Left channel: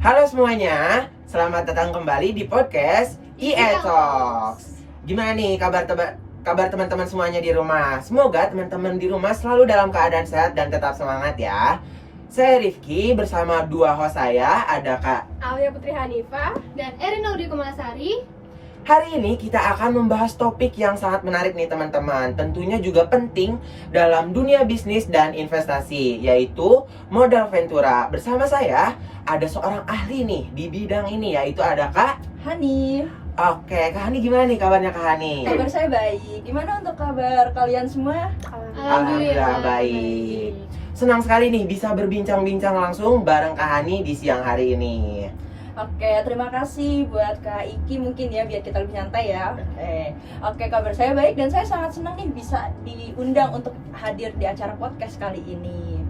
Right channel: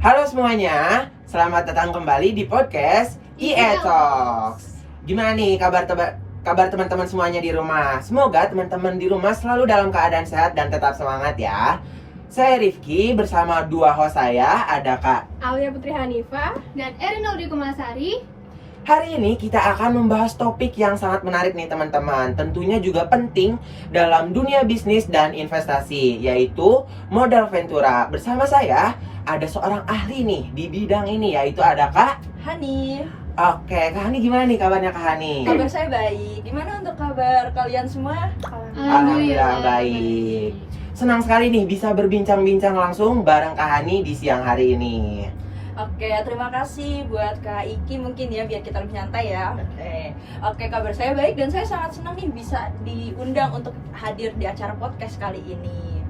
Halo semuanya, selamat datang kembali di podcast IE Talks. Gimana nih kabar teman-teman semuanya di rumah? Semoga teman-teman di rumah selalu dalam keadaan sehat dan tetap semangat ya. Saya Rifki bersama dua host saya, ada Kak Alia Putri Hanifah dan Erin Audi Kumalasari. Hari ini kita akan membahas topik yang sangat menarik nih teman-teman. Tentunya juga penting dalam dunia bisnis dan investasi, yaitu modal ventura. Bersama saya ada seorang ahli nih di bidang ini, yaitu ada Kak Hani. Oke, Kak Hani gimana nih kabarnya Kak Hani? Kabar saya baik. Gimana untuk kabar kalian semua? Alhamdulillah baik. Senang sekali nih bisa berbincang-bincang langsung bareng Kak Hani di siang hari ini. Oke, terima kasih buat Kak Iki mungkin ya, biar kita lebih nyantai ya. Oke, kabar saya baik dan saya sangat senang nih bisa diundang untuk hadir di acara podcast kali ini.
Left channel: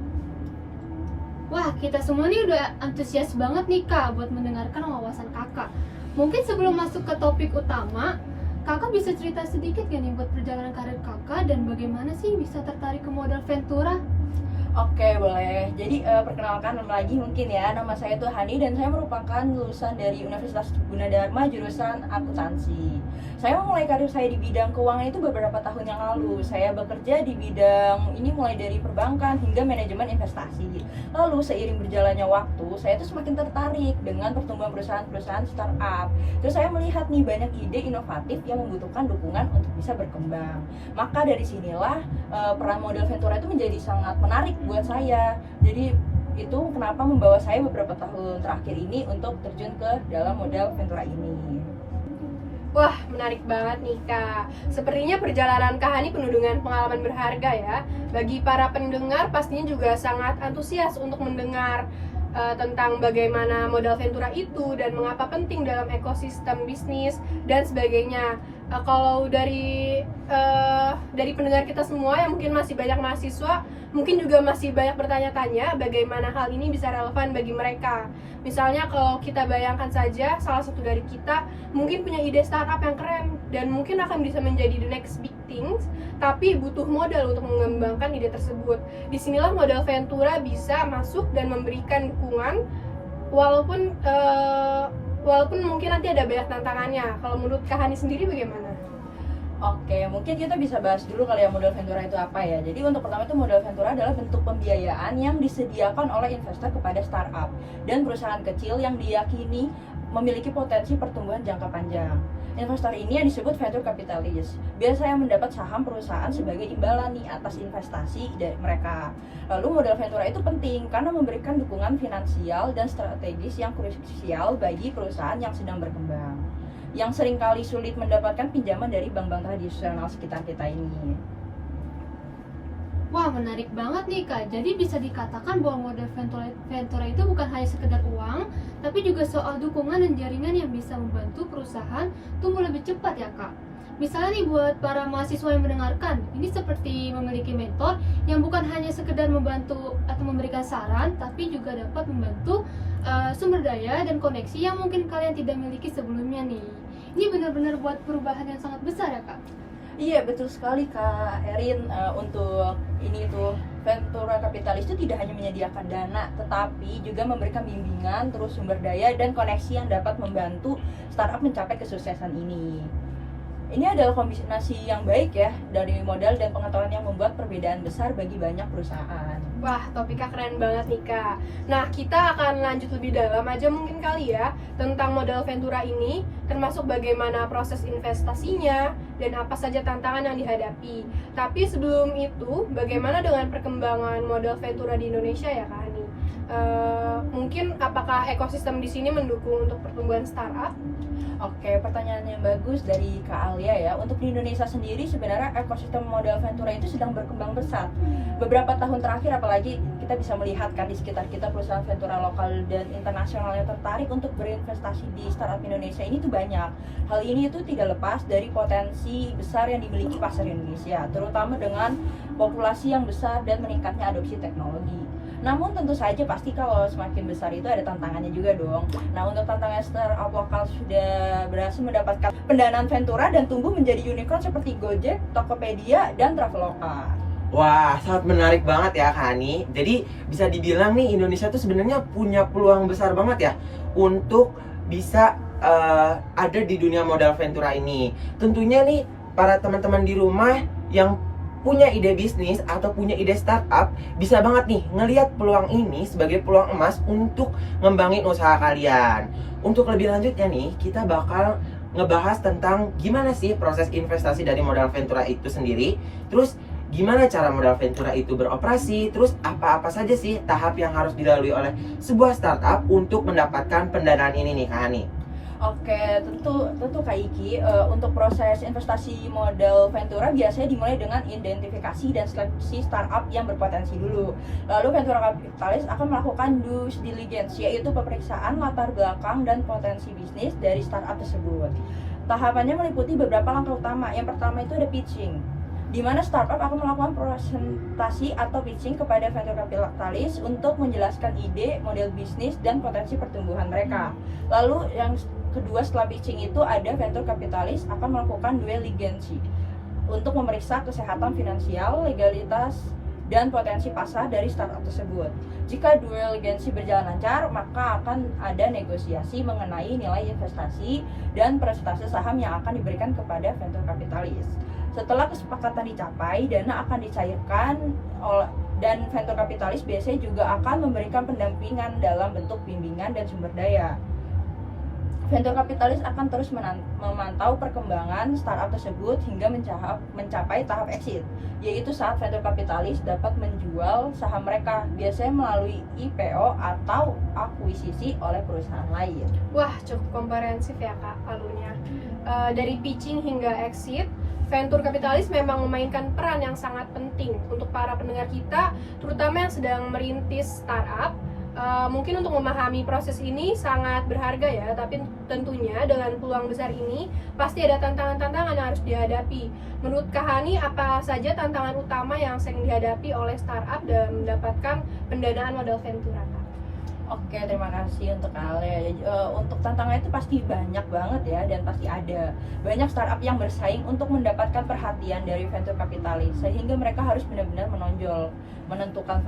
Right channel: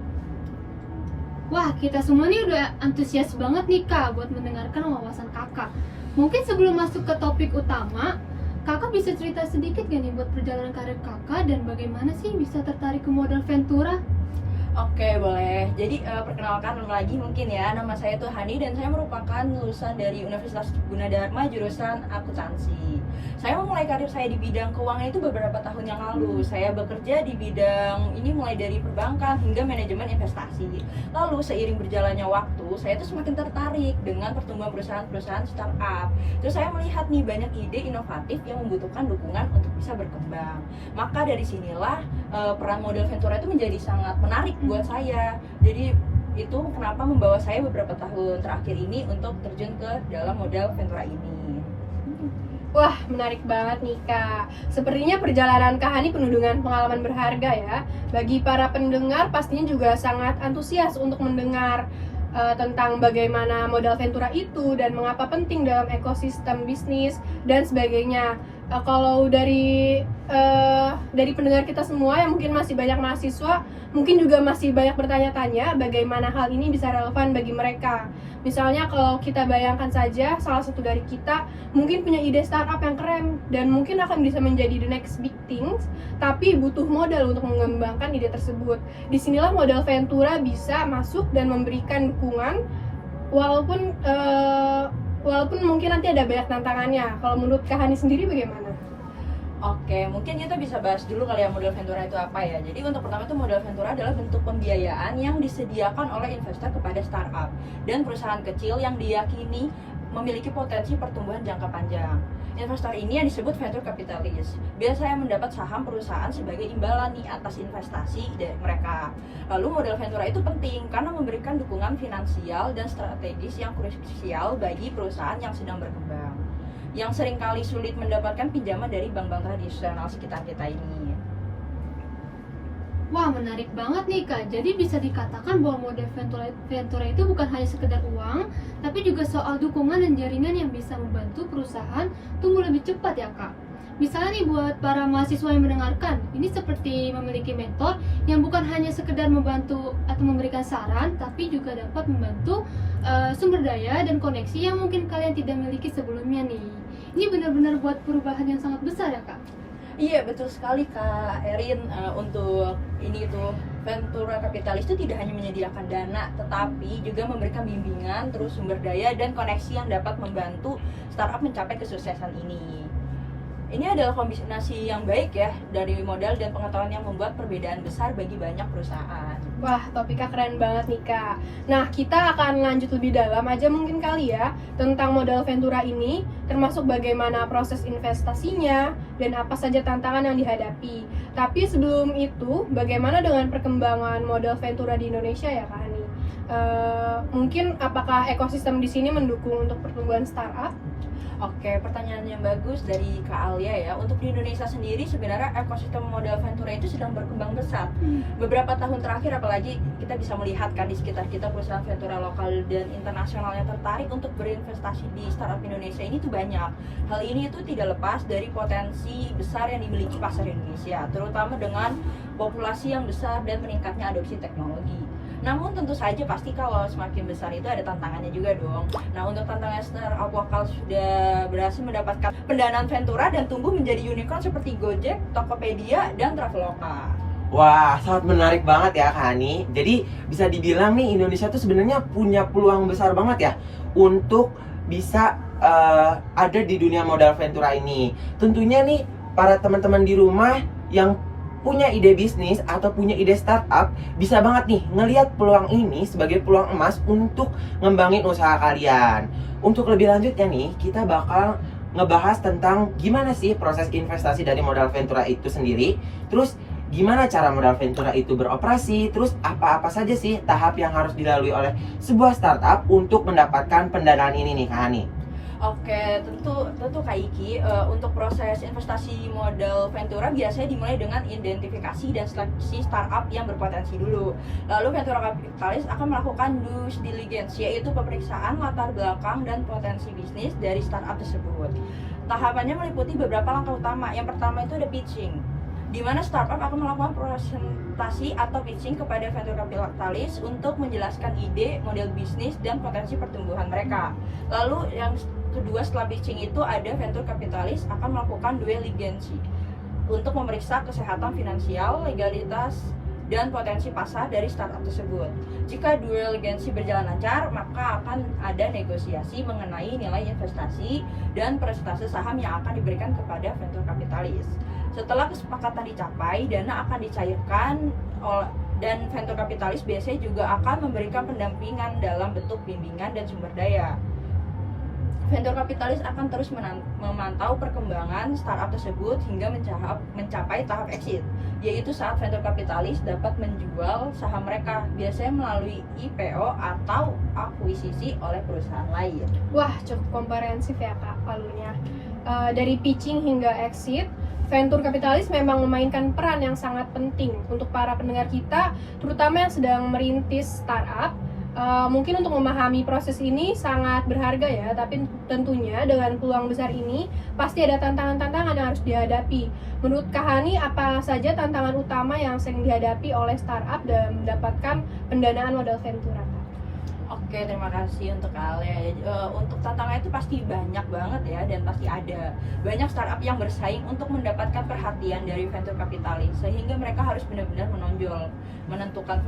Wah, kita semua nih udah antusias banget nih Kak buat mendengarkan wawasan Kakak. Mungkin sebelum masuk ke topik utama, Kakak bisa cerita sedikit gak nih buat perjalanan karir Kakak dan bagaimana sih bisa tertarik ke modal ventura? Oke, boleh. Jadi perkenalkan lagi mungkin ya, nama saya tuh Hani dan saya merupakan lulusan dari Universitas Gunadarma jurusan akuntansi. Saya memulai karir saya di bidang keuangan itu beberapa tahun yang lalu. Saya bekerja di bidang ini mulai dari perbankan hingga manajemen investasi. Lalu seiring berjalannya waktu, saya tuh semakin tertarik dengan pertumbuhan perusahaan-perusahaan startup. Terus saya melihat nih banyak ide inovatif yang membutuhkan dukungan untuk bisa berkembang. Maka dari sinilah peran modal ventura itu menjadi sangat menarik buat saya. Jadi itu kenapa membawa saya beberapa tahun terakhir ini untuk terjun ke dalam modal ventura ini. Wah, menarik banget nih Kak. Sepertinya perjalanan Kak Hani penuh dengan pengalaman berharga ya. Bagi para pendengar pastinya juga sangat antusias untuk mendengar tentang bagaimana modal ventura itu dan mengapa penting dalam ekosistem bisnis dan sebagainya. Kalau dari pendengar kita semua yang mungkin masih banyak mahasiswa, mungkin juga masih banyak bertanya-tanya bagaimana hal ini bisa relevan bagi mereka. Misalnya kalau kita bayangkan saja salah satu dari kita mungkin punya ide startup yang keren dan mungkin akan bisa menjadi the next big things, tapi butuh modal untuk mengembangkan ide tersebut. Disinilah modal ventura bisa masuk dan memberikan dukungan walaupun mungkin nanti ada banyak tantangannya. Kalau menurut Kak Hani sendiri bagaimana? Oke, mungkin kita bisa bahas dulu kali ya modal ventura itu apa ya. Jadi untuk pertama itu modal ventura adalah bentuk pembiayaan yang disediakan oleh investor kepada startup dan perusahaan kecil yang diyakini memiliki potensi pertumbuhan jangka panjang. Investor ini yang disebut venture capitalist. Biasanya mendapat saham perusahaan sebagai imbalan nih atas investasi dari mereka. Lalu modal ventura itu penting karena memberikan dukungan finansial dan strategis yang krusial bagi perusahaan yang sedang berkembang, yang seringkali sulit mendapatkan pinjaman dari bank-bank tradisional sekitar kita ini. Wah, menarik banget nih Kak. Jadi bisa dikatakan bahwa modal ventura itu bukan hanya sekedar uang, tapi juga soal dukungan dan jaringan yang bisa membantu perusahaan tumbuh lebih cepat ya Kak. Misalnya nih buat para mahasiswa yang mendengarkan, ini seperti memiliki mentor yang bukan hanya sekedar membantu atau memberikan saran, tapi juga dapat membantu sumber daya dan koneksi yang mungkin kalian tidak miliki sebelumnya nih. Ini benar-benar buat perubahan yang sangat besar ya Kak. Iya, betul sekali Kak Erin. Untuk ini tuh ventura kapitalis itu tidak hanya menyediakan dana, tetapi juga memberikan bimbingan, terus sumber daya dan koneksi yang dapat membantu startup mencapai kesuksesan ini. Ini adalah kombinasi yang baik ya dari modal dan pengetahuan yang membuat perbedaan besar bagi banyak perusahaan. Wah, topiknya keren banget nih Kak. Nah, kita akan lanjut lebih dalam aja mungkin kali ya tentang modal ventura ini, termasuk bagaimana proses investasinya dan apa saja tantangan yang dihadapi. Tapi sebelum itu, bagaimana dengan perkembangan modal ventura di Indonesia ya Kak Hani? Mungkin apakah ekosistem di sini mendukung untuk pertumbuhan startup? Oke, pertanyaan yang bagus dari Kak Alia ya. Untuk di Indonesia sendiri sebenarnya ekosistem modal ventura itu sedang berkembang pesat. Beberapa tahun terakhir apalagi kita bisa melihat kan di sekitar kita perusahaan ventura lokal dan internasional yang tertarik untuk berinvestasi di startup Indonesia ini tuh banyak. Hal ini itu tidak lepas dari potensi besar yang dimiliki pasar Indonesia, terutama dengan populasi yang besar dan meningkatnya adopsi teknologi. Namun tentu saja pasti kalau semakin besar itu ada tantangannya juga dong. Nah, untuk tantangan startup lokal sudah berhasil mendapatkan pendanaan ventura dan tumbuh menjadi unicorn seperti Gojek, Tokopedia, dan Traveloka. Wah, sangat menarik banget ya Kak Hani. Jadi bisa dibilang nih Indonesia tuh sebenarnya punya peluang besar banget ya untuk bisa ada di dunia modal Ventura ini. Tentunya nih para teman-teman di rumah yang punya ide bisnis atau punya ide startup bisa banget nih ngelihat peluang ini sebagai peluang emas untuk ngembangin usaha kalian. Untuk lebih lanjutnya nih, kita bakal ngebahas tentang gimana sih proses investasi dari modal Ventura itu sendiri, terus gimana cara modal Ventura itu beroperasi, terus apa-apa saja sih tahap yang harus dilalui oleh sebuah startup untuk mendapatkan pendanaan ini nih Kak Hani. Oke, tentu Kak Iki, untuk proses investasi modal Ventura biasanya dimulai dengan identifikasi dan seleksi startup yang berpotensi dulu. Lalu Ventura Kapitalis akan melakukan due diligence, yaitu pemeriksaan latar belakang dan potensi bisnis dari startup tersebut. Tahapannya meliputi beberapa langkah utama. Yang pertama itu ada pitching, di mana startup akan melakukan presentasi atau pitching kepada venture capitalis untuk menjelaskan ide, model bisnis, dan potensi pertumbuhan mereka. Lalu yang kedua setelah pitching itu ada venture capitalis akan melakukan due diligence untuk memeriksa kesehatan finansial, legalitas, dan potensi pasar dari startup tersebut. Jika due diligence berjalan lancar, maka akan ada negosiasi mengenai nilai investasi dan persentase saham yang akan diberikan kepada venture capitalis. Setelah kesepakatan dicapai, dana akan dicairkan dan venture capitalis biasanya juga akan memberikan pendampingan dalam bentuk bimbingan dan sumber daya. Venture capitalis akan terus memantau perkembangan startup tersebut hingga mencapai tahap exit, yaitu saat venture capitalis dapat menjual saham mereka, biasanya melalui IPO atau akuisisi oleh perusahaan lain. Wah, cukup komprehensif ya Kak palunya. Dari pitching hingga exit, venture kapitalis memang memainkan peran yang sangat penting untuk para pendengar kita, terutama yang sedang merintis startup. Mungkin untuk memahami proses ini sangat berharga ya, tapi tentunya dengan peluang besar ini pasti ada tantangan-tantangan yang harus dihadapi. Menurut Kak Hani, apa saja tantangan utama yang sering dihadapi oleh startup dalam mendapatkan pendanaan modal Ventura, Kak? Oke, terima kasih untuk Ale. Untuk tantangan itu pasti banyak banget ya, dan pasti ada banyak startup yang bersaing untuk mendapatkan perhatian dari venture capitalis, sehingga mereka harus benar-benar menonjol, menentukan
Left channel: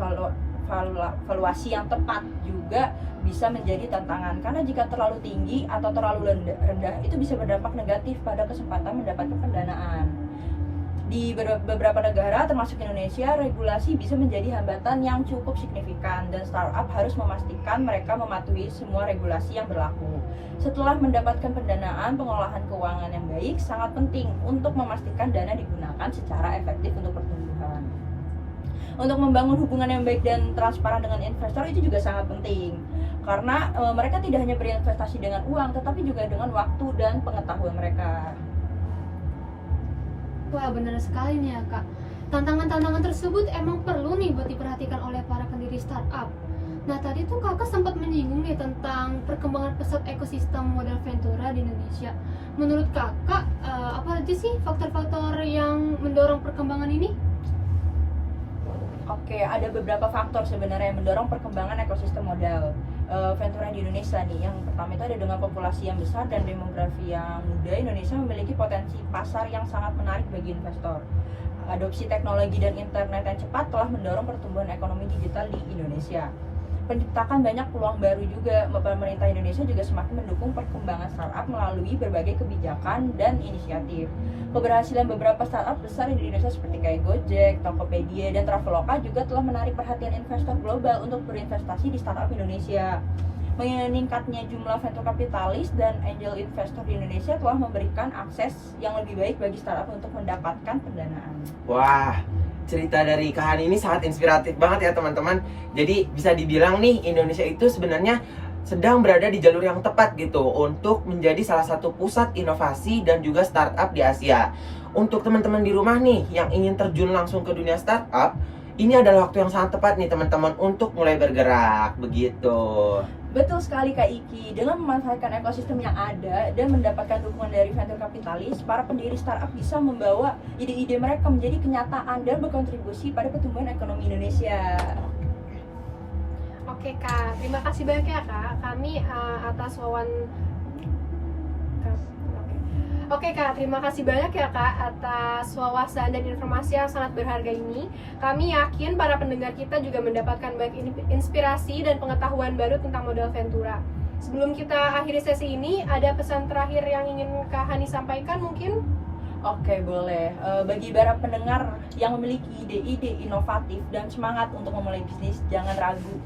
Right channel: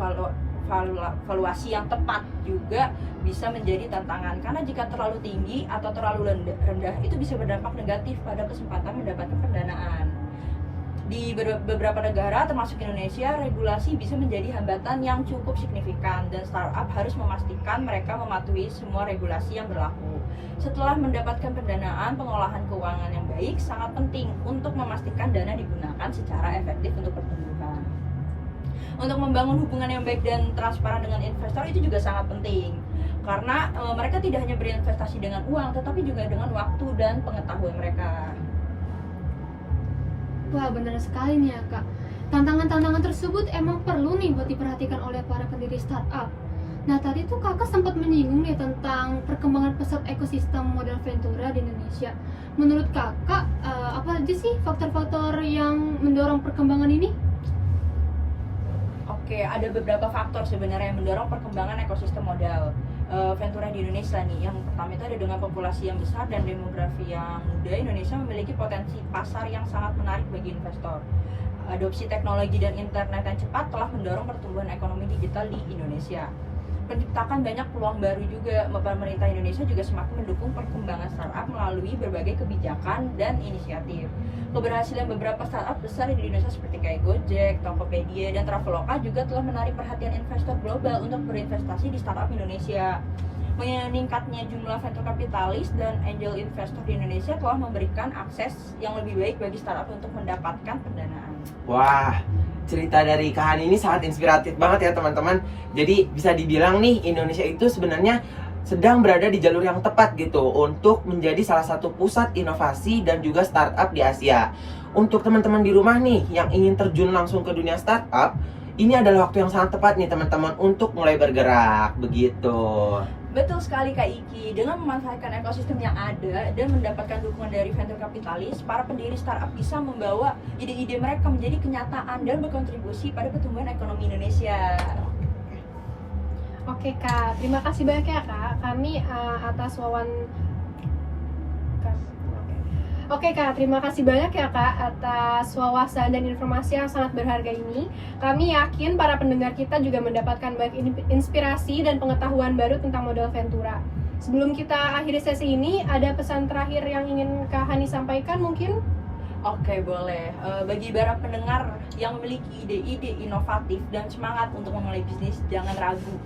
valuasi yang tepat juga bisa menjadi tantangan, karena jika terlalu tinggi atau terlalu rendah itu bisa berdampak negatif pada kesempatan mendapatkan pendanaan. Di beberapa negara termasuk Indonesia, regulasi bisa menjadi hambatan yang cukup signifikan dan startup harus memastikan mereka mematuhi semua regulasi yang berlaku. Setelah mendapatkan pendanaan, pengolahan keuangan yang baik sangat penting untuk memastikan dana digunakan secara efektif untuk pertumbuhan. Untuk membangun hubungan yang baik dan transparan dengan investor itu juga sangat penting, karena mereka tidak hanya berinvestasi dengan uang, tetapi juga dengan waktu dan pengetahuan mereka. Wah, benar sekali nih ya Kak. Tantangan-tantangan tersebut emang perlu nih buat diperhatikan oleh para pendiri startup. Nah, tadi tuh Kakak sempat menyinggung nih tentang perkembangan pesat ekosistem modal Ventura di Indonesia. Menurut Kakak, apa aja sih faktor-faktor yang mendorong perkembangan ini? Oke, ada beberapa faktor sebenarnya yang mendorong perkembangan ekosistem modal Ventura di Indonesia nih. Yang pertama itu ada dengan populasi yang besar dan demografi yang muda, Indonesia memiliki potensi pasar yang sangat menarik bagi investor. Adopsi teknologi dan internet yang cepat telah mendorong pertumbuhan ekonomi digital di Indonesia. Menciptakan banyak peluang baru juga. Pemerintah Indonesia juga semakin mendukung perkembangan startup melalui berbagai kebijakan dan inisiatif. Keberhasilan beberapa startup besar di Indonesia seperti kayak Gojek, Tokopedia, dan Traveloka juga telah menarik perhatian investor global untuk berinvestasi di startup Indonesia. Meningkatnya jumlah venture capitalis dan angel investor di Indonesia telah memberikan akses yang lebih baik bagi startup untuk mendapatkan pendanaan. Wah, cerita dari Kak Hani ini sangat inspiratif banget ya teman-teman. Jadi bisa dibilang nih Indonesia itu sebenarnya sedang berada di jalur yang tepat gitu untuk menjadi salah satu pusat inovasi dan juga startup di Asia. Untuk teman-teman di rumah nih yang ingin terjun langsung ke dunia startup, ini adalah waktu yang sangat tepat nih teman-teman untuk mulai bergerak begitu. Betul sekali Kak Iki, dengan memanfaatkan ekosistem yang ada dan mendapatkan dukungan dari venture capitalis, para pendiri startup bisa membawa ide-ide mereka menjadi kenyataan dan berkontribusi pada pertumbuhan ekonomi Indonesia. Oke Kak, terima kasih banyak ya Kak. Kami atas Oke Kak, terima kasih banyak ya Kak atas wawasan dan informasi yang sangat berharga ini. Kami yakin para pendengar kita juga mendapatkan banyak inspirasi dan pengetahuan baru tentang modal Ventura. Sebelum kita akhiri sesi ini, ada pesan terakhir yang ingin Kak Hani sampaikan mungkin? Oke, boleh. Bagi para pendengar yang memiliki ide-ide inovatif dan semangat untuk memulai bisnis, jangan ragu.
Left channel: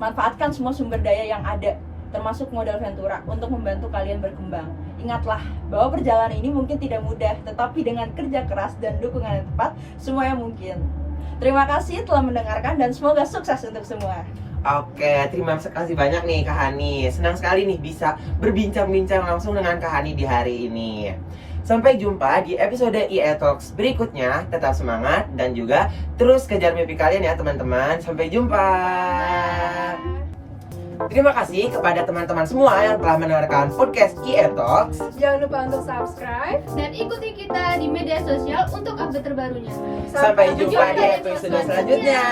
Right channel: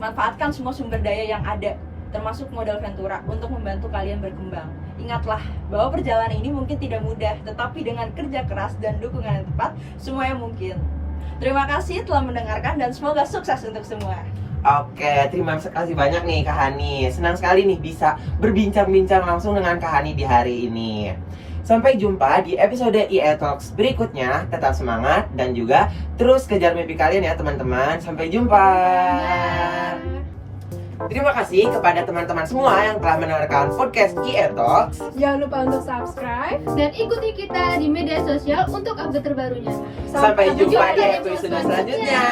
Manfaatkan semua sumber daya yang ada, termasuk modal Ventura, untuk membantu kalian berkembang. Ingatlah bahwa perjalanan ini mungkin tidak mudah, tetapi dengan kerja keras dan dukungan yang tepat, semuanya mungkin. Terima kasih telah mendengarkan dan semoga sukses untuk semua. Oke, terima kasih banyak nih Kak Hani. Senang sekali nih bisa berbincang-bincang langsung dengan Kak Hani di hari ini. Sampai jumpa di episode IE Talks berikutnya. Tetap semangat dan juga terus kejar mimpi kalian ya teman-teman. Sampai jumpa. Terima kasih kepada teman-teman semua yang telah mendengarkan podcast IE Talks. Jangan lupa untuk subscribe. Dan ikuti kita di media sosial untuk update terbarunya. Sampai jumpa di episode selanjutnya.